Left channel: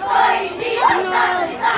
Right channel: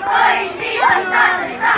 Ito'y hindi basta salita.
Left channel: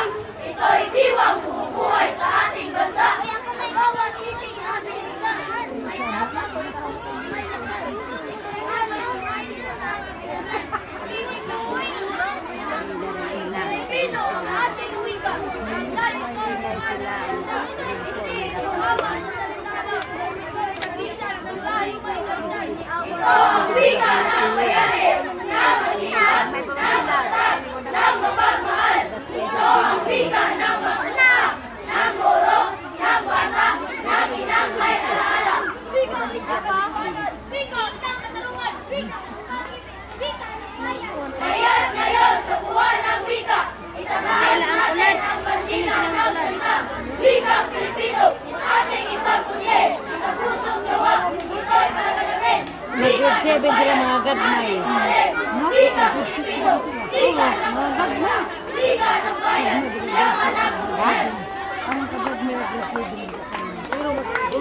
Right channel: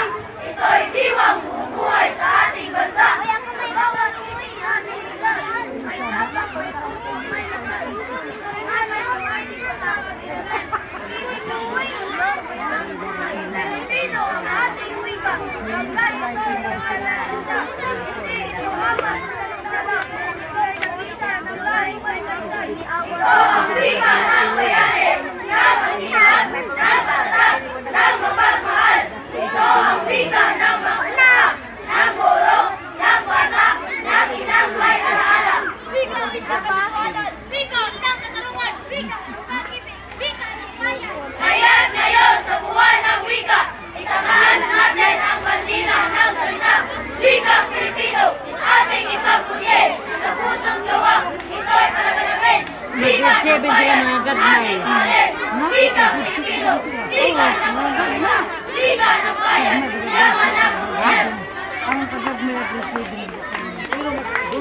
Ito'y diwang bumubuhay sa ating bansa. Sa bawat kiting aming likas, may tatak, may puso, may lakas. Ito'y aming ating pagkakatiwanan. Iwa'y kamuhay ng mga Pilipino ang ating wika. Hanggang ito'y nakalaganda. Hindi ito haman sa salita lang. Ito'y sa gisa ng lahing may saysay. Ito ang wika ng bayani, ng kasiyahan, ng katatag, ng mapagmahal. Ito ang wika ng magsasaka, ng guro, ng bata, ng inang may alaala. Wika ng katotohanan, wika ng katarungan, wika ng sakipin, wika ng bayan. Kaya't ngayon sa buwan ng wika, itataas natin ang pansina ng salita. Wikang Pilipino, ating ipagpunye sa pusong gawa. Ito'y palaganapin. Wika ng bayan, ating mahalin. Wikang Pilipino, wika ng bansa. Wika ng bayan, ng anak mo yan.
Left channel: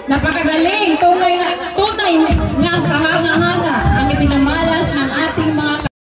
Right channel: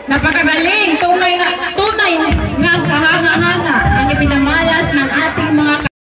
Napakagaling! Tunay nga ang kahanga-hanga ang ipinamalas ng ating